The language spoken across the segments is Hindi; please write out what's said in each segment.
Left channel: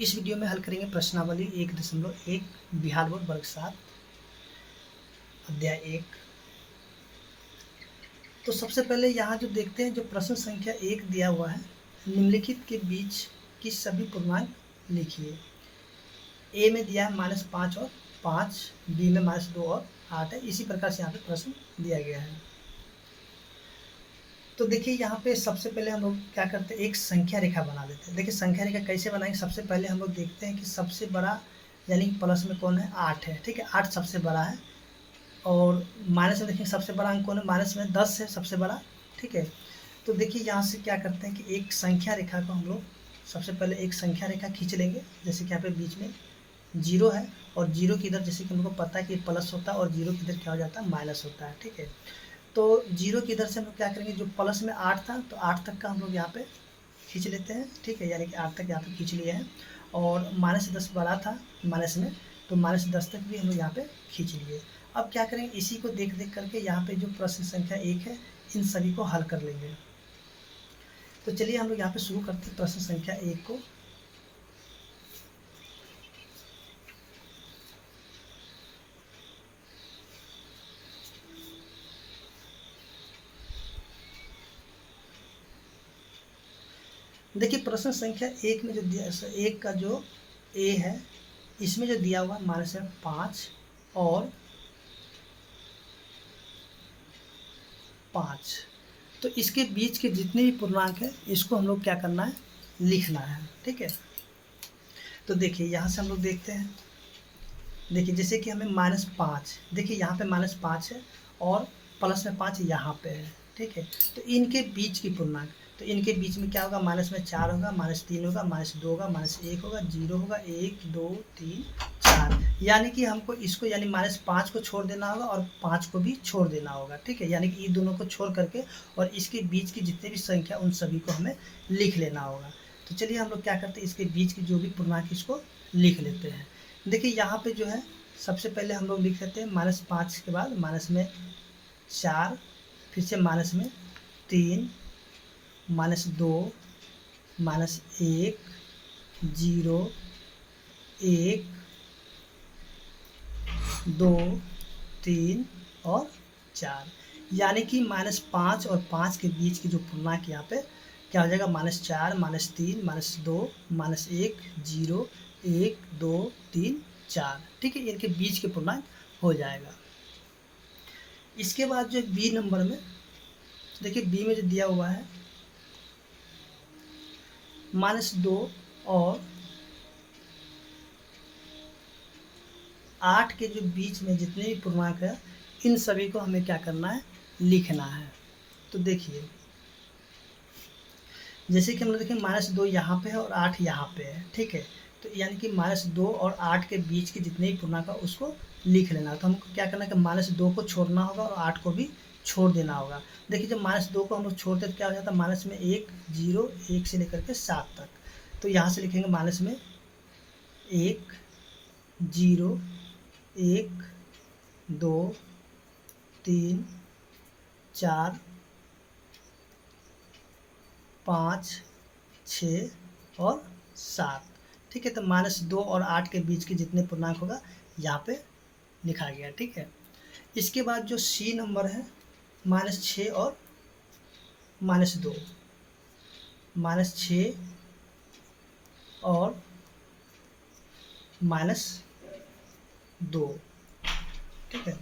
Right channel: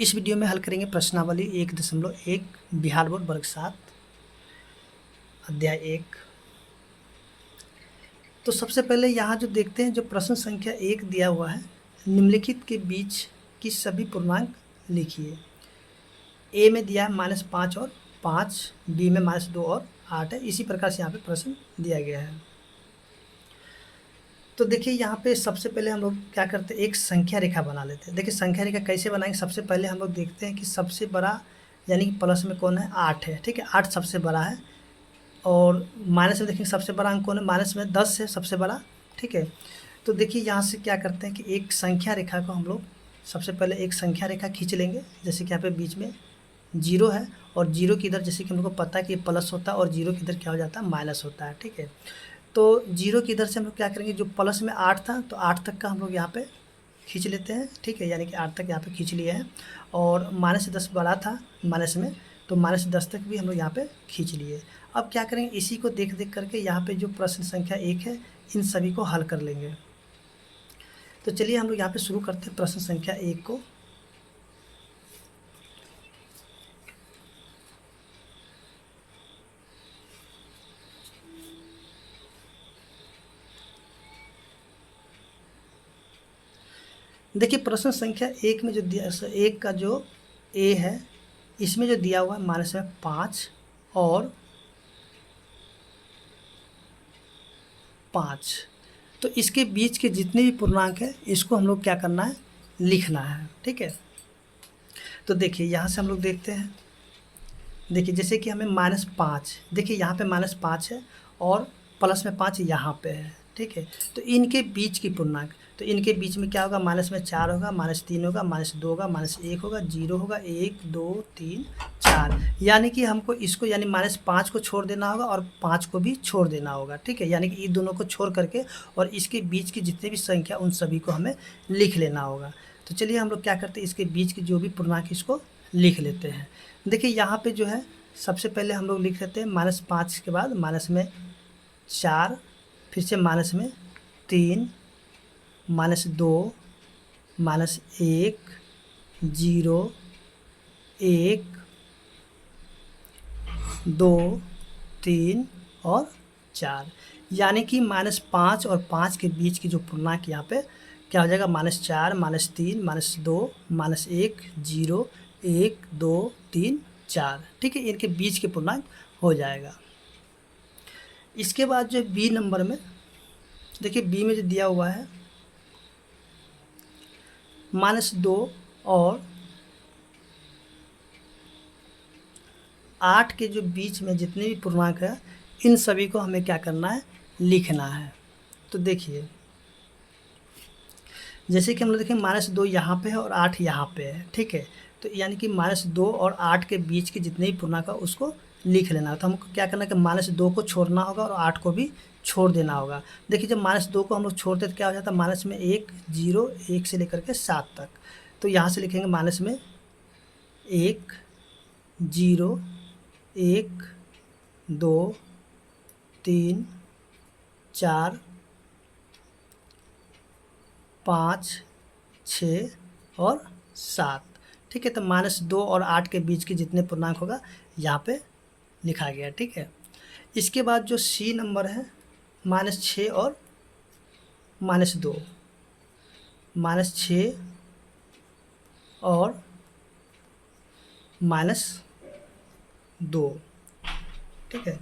इस वीडियो में हल करेंगे प्रश्नावली 1.1 बिहार बोर्ड वर्ग 7 अध्याय 1। तो सबसे पहले यहाँ जो देखते हैं, जो प्रश्न संख्या 1 दिया हुआ है, निम्नलिखित के बीच की सभी पूर्णांक लिखिए। ए में दिया है -5 और 5, बी में -2 और 8 है। इसी प्रकार से यहाँ पे प्रश्न दिया गया है। तो देखिए यहाँ पे सबसे पहले हम लोग क्या करते हैं, एक संख्या रेखा बना लेते हैं। देखिए संख्या रेखा कैसे बनाएंगे, सबसे पहले हम लोग देखते हैं कि सबसे बड़ा यानी कि प्लस में कौन है, 8 है। ठीक है, 8 सबसे बड़ा है। और माइनस में देखेंगे सबसे बड़ा अंक कौन है, माइनस में 10 है सबसे बड़ा। ठीक है, तो देखिए यहाँ से क्या करते हैं कि एक संख्या रेखा को हम लोग सबसे पहले एक संख्या रेखा खींच लेंगे। जैसे कि यहाँ पे बीच में 0 है और 0 की इधर जैसे कि हमको पता है कि प्लस होता है और 0 की इधर क्या हो जाता है, माइनस होता है। ठीक है, तो 0 की इधर से हम लोग क्या करेंगे, जो प्लस में 8 था तो 8 तक का हम लोग यहाँ पे खींच लेते हैं। ठीक है, यानी कि 8 तक यहाँ पे खींच लिया है। और -10 बड़ा था माइनस में, तो -10 तक भी हम लोग यहाँ पे खींच लिए। अब क्या करेंगे, इसी को देख देख करके यहाँ पे जो प्रश्न संख्या 1 है, इन सभी को हल कर लेंगे। तो चलिए हम लोग यहाँ पे शुरू करते हैं प्रश्न संख्या 1 को। देखिए प्रश्न संख्या 1 में जो दिया, 1 का जो ए है, इसमें जो दिया हुआ है -5 और 5, तो इसके बीच के जितने भी पूर्णांक है इसको हम लोग क्या करना है, लिखना है। ठीक है, तो देखिए यहाँ से हम लोग देखते हैं। देखिए जैसे कि हमें -5, देखिए यहाँ पे -5 है और प्लस में 5 यहाँ पे है। ठीक है, तो इनके बीच की पूर्णांक, तो इनके बीच में क्या होगा, माइनस में 4 होगा, -3 होगा, -2 होगा, -1 होगा, 0 होगा, 1 2 3 4। यानी कि हमको इसको यानी -5 को छोड़ देना होगा और 5 को भी छोड़ देना होगा। ठीक है, यानी कि इन दोनों को छोड़ करके और इसके बीच की जितने भी संख्या उन सभी को हमें लिख लेना होगा। तो चलिए हम लोग क्या करते हैं, इसके बीच की जो भी पूर्णांक इसको लिख लेते हैं। देखिए यहाँ पे जो है सबसे पहले हम लोग लिख लेते हैं -5 के बाद माइनस में 4, फिर से माइनस में 3, -2, -1, 0, 1 2 3 और 4। यानी कि -5 और 5 के बीच की जो पूर्णांक यहाँ पे क्या हो जाएगा, -4, -3, -2, -1, 0, 1 2 3 4। ठीक है, इनके बीच के पूर्णांक हो जाएगा। इसके बाद जो बी नंबर में देखिए, बी में जो दिया हुआ है -2 और 8 के जो बीच में जितने भी पूर्णांक है इन सभी को हमें क्या करना है, लिखना है। तो देखिए जैसे कि हम लोग देखें -2 यहाँ पे है और 8 यहाँ पे है। ठीक है, तो यानी कि -2 और 8 के बीच के जितने भी पूर्णांक है उसको लिख लेना है। तो हमको क्या करना है कि -2 को छोड़ना होगा और 8 को भी छोड़ देना होगा। देखिए जब -2 को हम लोग छोड़ते तो क्या हो जाता है, माइनस में 1 0 1 से लेकर के 7 तक। तो यहाँ से लिखेंगे माइनस में 1 0 1 2 3 4 5 6 और 7। ठीक है, तो -2 और 8 के बीच के जितने पूर्णांक होगा यहाँ पे लिखा गया। ठीक है, इसके बाद जो सी नंबर है -6 और -2, -6 और -2। ठीक है,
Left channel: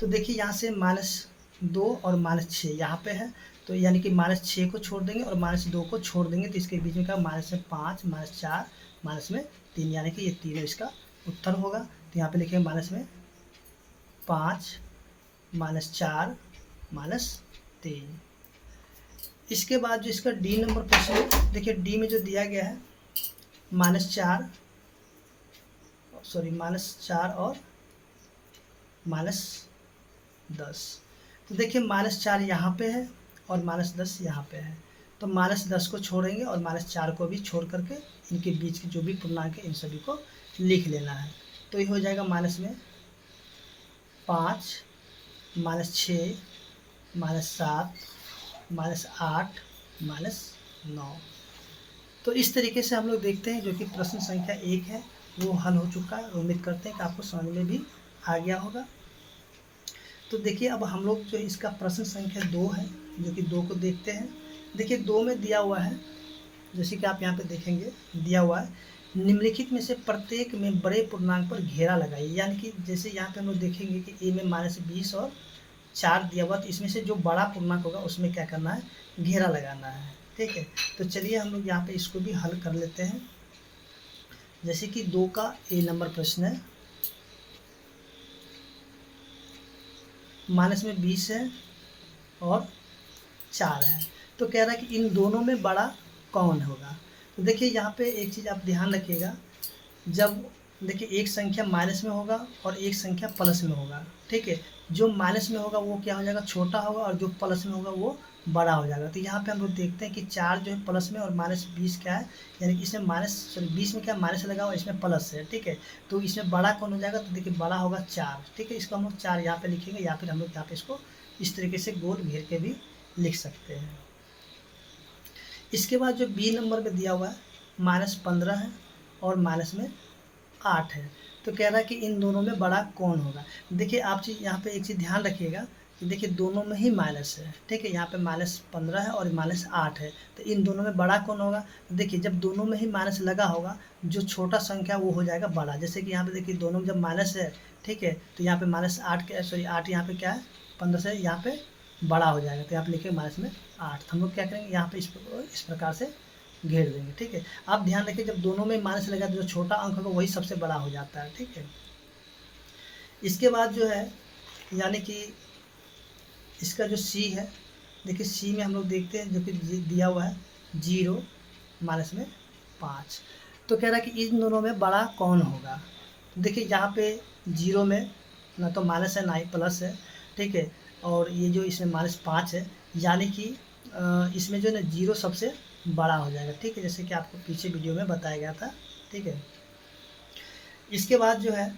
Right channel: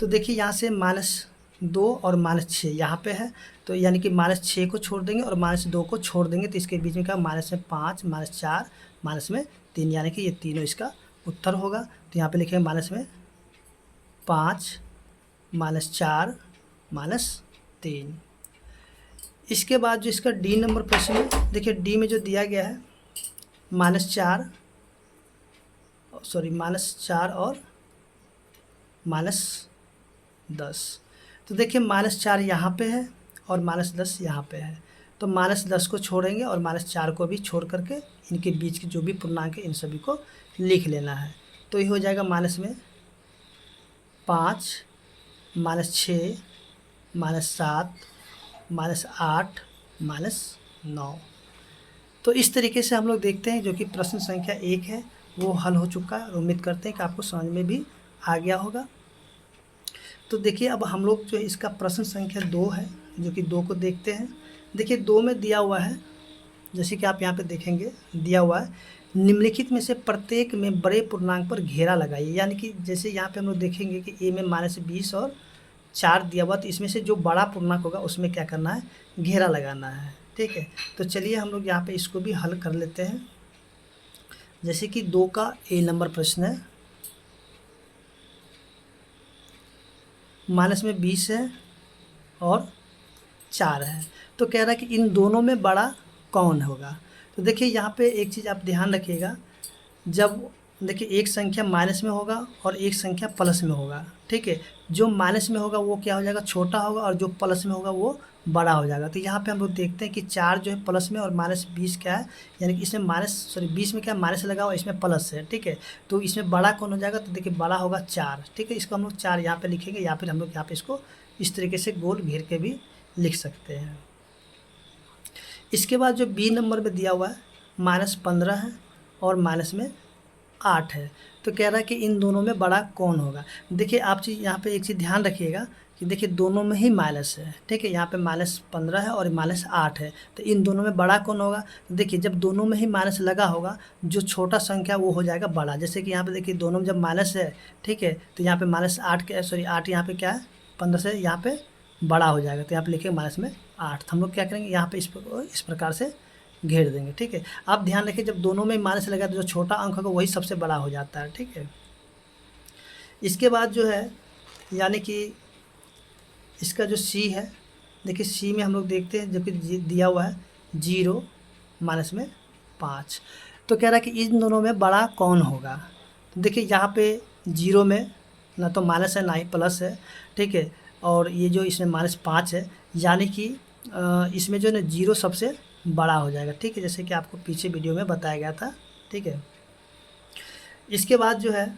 तो देखिए यहाँ से -2 और -6 यहाँ पे है, तो यानी कि -6 को छोड़ देंगे और -2 को छोड़ देंगे, तो इसके बीच में क्या, -5 -4 -3, यानी कि ये तीनों इसका उत्तर होगा। तो यहाँ पे लिखेंगे -5 -4 -3। इसके बाद जो इसका डी नंबर प्रश्न है, देखिए डी में जो दिया गया है -4 और -10। तो देखिए -4 यहाँ पे है और -10 यहाँ पे है, तो -10 को छोड़ेंगे और -4 को भी छोड़ करके इनके बीच के जो भी पूर्णांक है इन सभी को लिख लेना है। तो ये हो जाएगा -5 -6 -7 -8 -9। तो इस तरीके से हम लोग देखते हैं जो कि प्रश्न संख्या 1 है वो हल हो चुका है। उम्मीद करते हैं कि आपको समझ में भी आ गया होगा। तो देखिए अब हम लोग जो इसका प्रश्न संख्या 2 है जो कि 2 को देखते हैं। देखिए 2 में दिया हुआ है, जैसे कि आप यहाँ पे देखेंगे दिया हुआ है, निम्नलिखित में से प्रत्येक में बड़े पूर्णांक पर घेरा लगाइए। यानी कि जैसे यहाँ पे हम लोग देखेंगे कि ए में -20 और 4 दिया हुआ, तो इसमें से जो बड़ा पूर्णांक होगा उसमें क्या करना है, घेरा लगाना है। ठीक है, तो चलिए हम लोग यहाँ पे इसको भी हल कर लेते हैं। जैसे कि 2 का ए नंबर प्रश्न है, -20 है और 4 है, तो कह रहा है कि इन दोनों में बड़ा कौन होगा। तो देखिए यहाँ पे एक चीज़ आप ध्यान रखिएगा, जब देखिए एक संख्या माइनस में होगा और एक संख्या प्लस में होगा। ठीक है, जो माइनस में होगा वो क्या हो जाएगा, छोटा होगा, और जो प्लस में होगा वो बड़ा हो जाएगा। तो यहाँ पे हम लोग देखते हैं कि 4 जो है प्लस में और -20 क्या है, यानी कि इसमें 20 में क्या माइनस लगा हुआ, इसमें प्लस है। ठीक है, तो इसमें बड़ा कौन हो जाएगा, तो देखिए बड़ा होगा 4। ठीक है, इसको हम लोग 4 यहाँ पे लिखेंगे, या फिर हम लोग यहाँ पे इसको इस तरीके से गोल घेर के भी लिख सकते हैं। इसके बाद जो बी नंबर में दिया हुआ है -15 है और माइनस में 8 है, तो कह रहा है कि इन दोनों में बड़ा कौन होगा। देखिए आप चीज़ यहाँ पे एक चीज़ ध्यान रखिएगा कि देखिए दोनों में ही माइनस है। ठीक है, यहाँ पे -15 है और -8 है, तो इन दोनों में बड़ा कौन होगा। देखिए जब दोनों में ही माइनस लगा होगा, जो छोटा संख्या वो हो जाएगा बड़ा। जैसे कि यहाँ पे देखिए दोनों में जब माइनस है, ठीक है, तो यहाँ पे -8 के -8 यहाँ पे क्या है, 15 से यहाँ पे बड़ा हो जाएगा, तो यहाँ पे लिखे -8। तो हम लोग क्या करेंगे, यहाँ पे इस प्रकार से घेर देंगे। ठीक है, आप ध्यान रखिए जब दोनों में माइनस लगा तो जो छोटा अंक होगा वही सबसे बड़ा हो जाता है। ठीक है, इसके बाद जो है यानी कि इसका जो सी है, देखिए सी में हम लोग देखते हैं जो कि दिया हुआ है 0 माइनस में 5, तो कह रहा है कि इन दोनों में बड़ा कौन होगा। तो देखिए यहाँ पे 0 में ना तो माइनस है ना ही प्लस है। ठीक है, और ये जो इसमें -5 है, यानी कि इसमें जो है ना 0 सबसे बड़ा हो जाएगा। ठीक है, जैसे कि आपको पीछे वीडियो में बताया गया था। ठीक है, इसके बाद जो है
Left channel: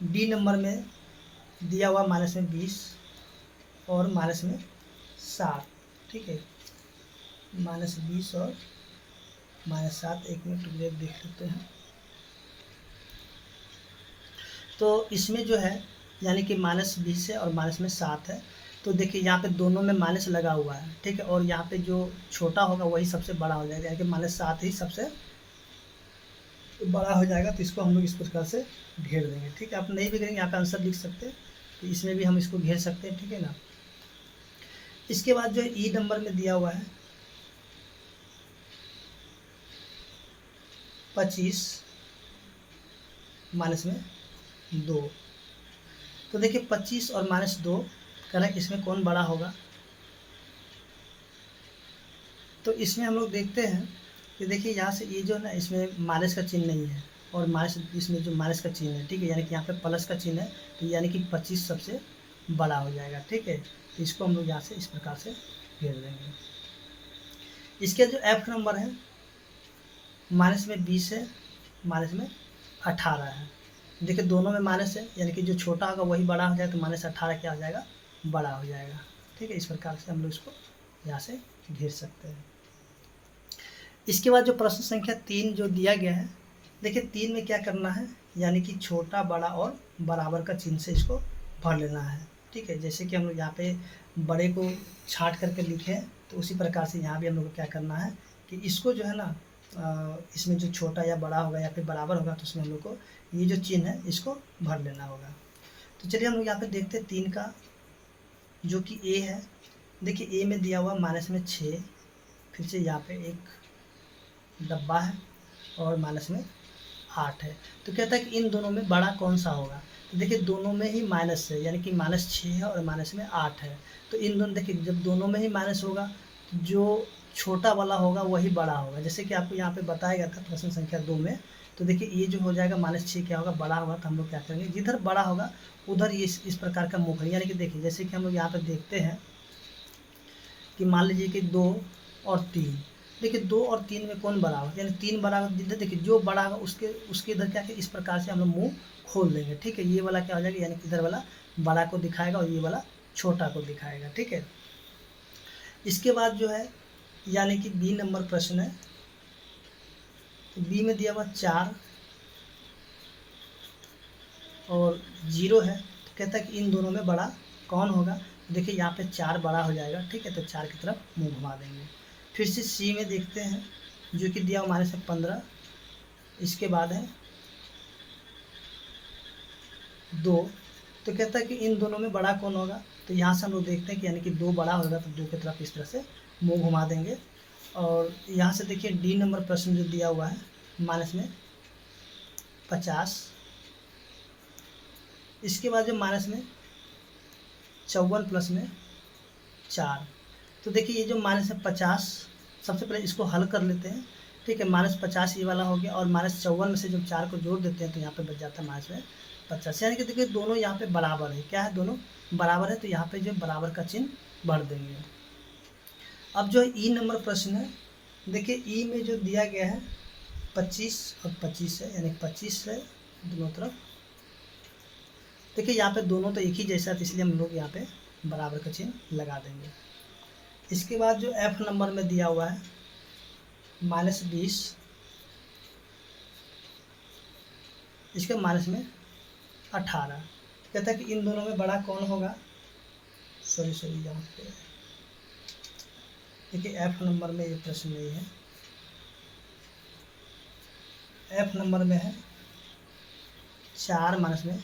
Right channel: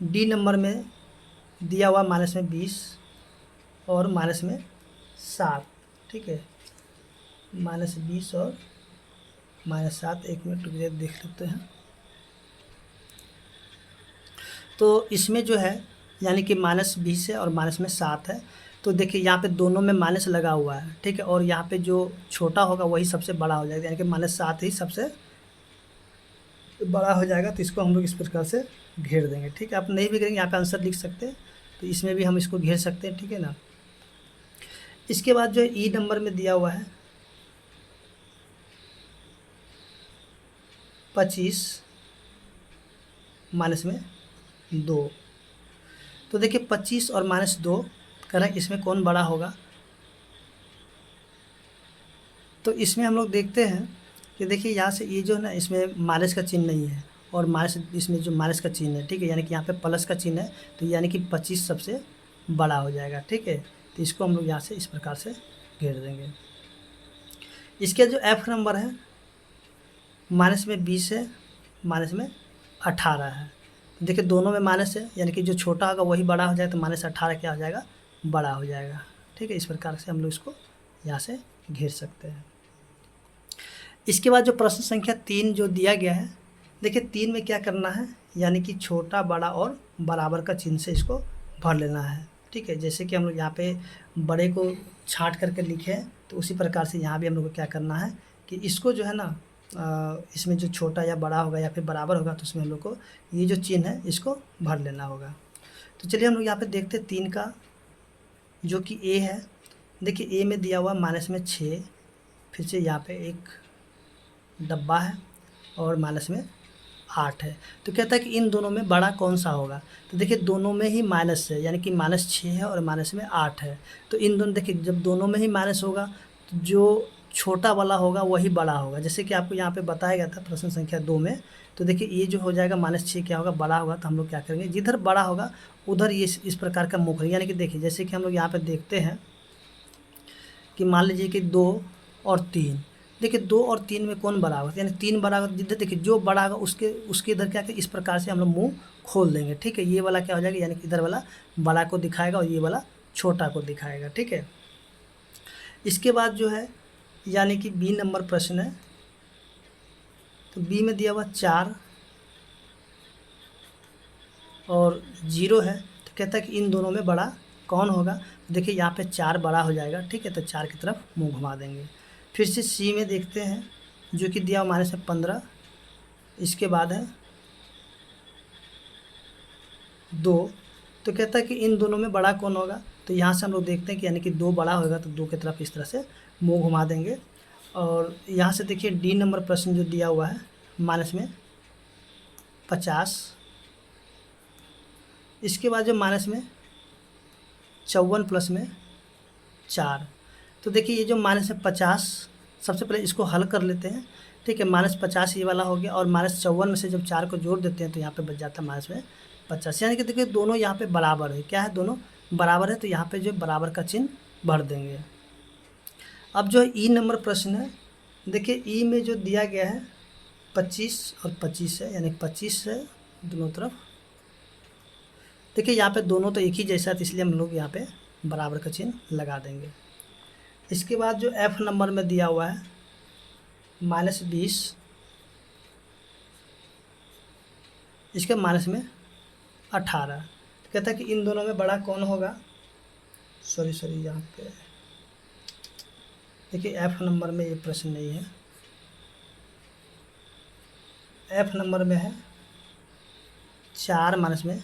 डी नंबर में दिया हुआ -20 और -7। ठीक है, -20 और -7, एक मिनट रुक देख लेते हैं। तो इसमें जो है यानी कि -20 है और -7 है, तो देखिए यहाँ पे दोनों में माइनस लगा हुआ है। ठीक है, और यहाँ पे जो छोटा होगा वही सबसे बड़ा हो जाएगा, यानी कि -7 ही सबसे बड़ा हो जाएगा। तो इसको हम लोग इस प्रकार से घेर देंगे। ठीक है, आप नहीं भी करेंगे यहाँ पे आंसर लिख सकते हैं, तो इसमें भी हम इसको घेर सकते हैं। ठीक है ना, इसके बाद जो है ई नंबर में दिया हुआ है 25 -2, तो देखिए 25 और -2 करें, इसमें कौन बड़ा होगा। तो इसमें हम लोग देखते हैं कि देखिए यहाँ से ये जो है ना, इसमें माइनस का चिन्ह नहीं है और माइनस, इसमें जो माइनस का चिन्ह है। ठीक है, यानी कि यहाँ पे प्लस का चिन्ह है, तो यानी कि 25 सबसे बड़ा हो जाएगा। ठीक है, तो इसको हम लोग यहाँ से इस प्रकार से घेर देंगे। इसके जो एफ नंबर है -20 है, -18 है। देखिए दोनों में माइनस है, यानी कि जो छोटा होगा वही बड़ा हो जाएगा, तो -18 क्या हो जाएगा, बड़ा हो जाएगा। ठीक है, इस प्रकार से हम लोग इसको यहाँ से घेर सकते हैं। इसके बाद जो प्रश्न संख्या 3 जो दिया गया है, देखिए 3 में क्या करना है, यानी कि छोटा बड़ा और बराबर का चिन्ह से इसको भर लेना है। ठीक है, जैसे कि हम लोग यहाँ पे बड़े को छाँट करके लिखे हैं, तो उसी प्रकार से यहाँ भी हम लोग को क्या करना है कि इसको जो है ना, इसमें जो छोटा या बड़ा होगा या फिर बराबर होगा, तो उसमें हम लोग को ये जो चिन्ह है इसको भर लेना होगा। तो चलिए हम लोग यहाँ पे देखते हैं 3 का जो कि ए है। देखिए ए में दिया हुआ -6, फिर से यहाँ पे एक डब्बा है और -8 है, तो कहता है कि इन दोनों में बड़ा कौन सा होगा। तो देखिए दोनों में ही माइनस है, यानी कि -6 है और -8 है, तो इन दोनों देखिए जब दोनों में ही माइनस होगा तो जो छोटा वाला होगा वही बड़ा होगा। जैसे कि आपको यहाँ पे बताया गया था प्रश्न संख्या 2 में, तो देखिए ये जो हो जाएगा -6 क्या होगा, बड़ा होगा। तो हम लोग क्या करेंगे, जिधर बड़ा होगा उधर ये इस प्रकार का मुख है। यानी कि देखिए जैसे कि हम लोग यहाँ पे देखते हैं कि मान लीजिए कि 2 और 3, देखिए 2 और 3 में कौन बड़ा होगा, यानी 3 बड़ा होगा। जिधर देखिए जो बड़ा होगा उसके इधर क्या इस प्रकार से हम लोग मुँह खोल देंगे। ठीक है, ये वाला क्या हो जाएगा, यानी कि इधर वाला बड़ा को दिखाएगा और ये वाला छोटा को दिखाएगा। ठीक है, इसके बाद जो है यानी कि बी नंबर प्रश्न है तो बी में दिया हुआ 4 और 0 है, तो कहता है कि इन दोनों में बड़ा कौन होगा। देखिए यहाँ पे 4 बड़ा हो जाएगा, ठीक है, तो 4 की तरफ मुंह घुमा देंगे। फिर से सी में देखते हैं, जो कि दिया हुआ माइनस है 15, इसके बाद है 2, तो कहता है कि इन दोनों में बड़ा कौन होगा। तो यहाँ से हम लोग देखते हैं कि यानी कि 2 बड़ा होगा, तो 2 की तरफ इस तरह से मुंह घुमा देंगे। और यहाँ से देखिए डी नंबर प्रश्न जो दिया हुआ है माइनस में 50, इसके बाद जो माइनस में 54 प्लस में 4, तो देखिए ये जो माइनस है 50, सबसे पहले इसको हल कर लेते हैं, ठीक है। -50 ये वाला हो गया, और -54 में से जब 4 को जोड़ देते हैं तो यहाँ पे बच जाता है माइनस में 50, यानी कि देखिए दोनों यहाँ पे बराबर है। क्या है, दोनों बराबर है, तो यहाँ पे जो बराबर का चिन्ह भर देंगे। अब जो ई नंबर प्रश्न है, देखिए ई में जो दिया गया है 25 और 25 है, यानी 25 है दोनों तरफ। देखिए यहाँ पे दोनों तो एक ही जैसा है, तो इसलिए हम लोग यहाँ पे बराबर का चिन्ह लगा देंगे। इसके बाद जो एफ नंबर में दिया हुआ है -20, इसके माइनस में 18, कहता है कि इन दोनों में बड़ा कौन होगा। सॉरी यहाँ पे देखिए एफ नंबर में ये प्रश्न नहीं है, एफ नंबर में है 4 माइनस में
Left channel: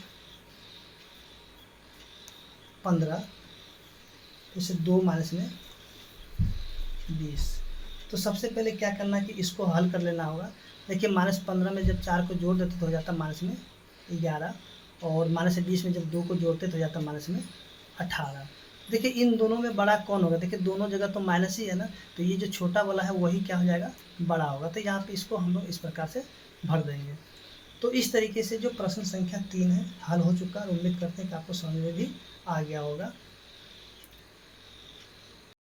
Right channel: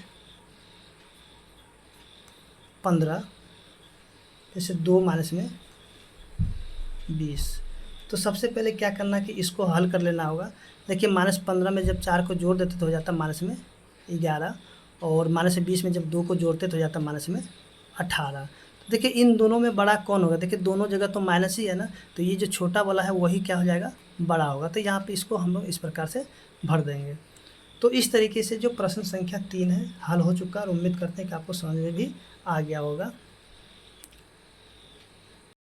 15, जैसे 2 माइनस में 20। तो सबसे पहले क्या करना है कि इसको हल कर लेना होगा। देखिए -15 में जब 4 को जोड़ देते तो हो जाता माइनस में 11, और -20 में जब 2 को जोड़ते तो हो जाता माइनस में 18। देखिए इन दोनों में बड़ा कौन होगा। देखिए दोनों जगह तो माइनस ही है ना, तो ये जो छोटा वाला है वही क्या हो जाएगा, बड़ा होगा। तो यहाँ पे इसको हम लोग इस प्रकार से भर देंगे। तो इस तरीके से जो प्रश्न संख्या 3 है हल हो चुका है, और उम्मीद करते हैं कि आपको समझ में भी आ गया होगा।